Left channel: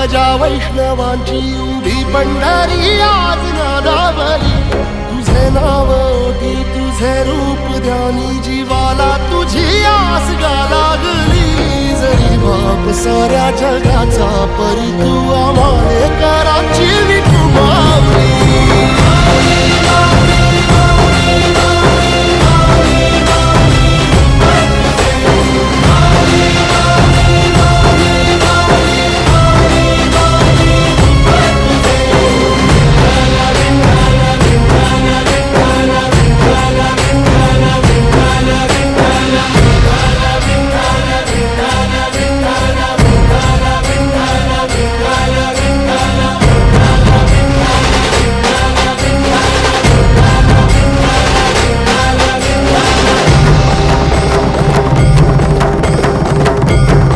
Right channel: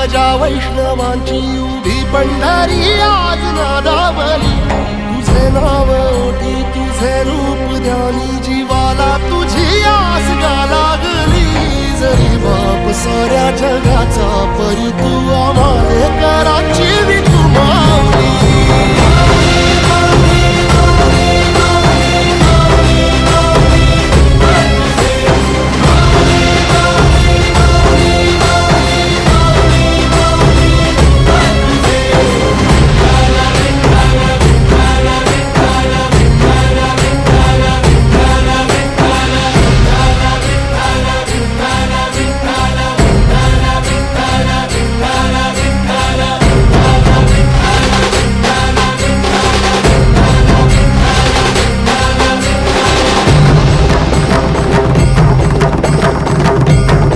ध्वजा वैष्णवांची उभी पंढरी आज नादावली, तुझे नाव ओठी तुझे रूप ध्यानी, जीवाला तुझी आस गा लागली। जरी बाप साऱ्या जगाचा परी तू आम्हाले कराची विठू माऊली।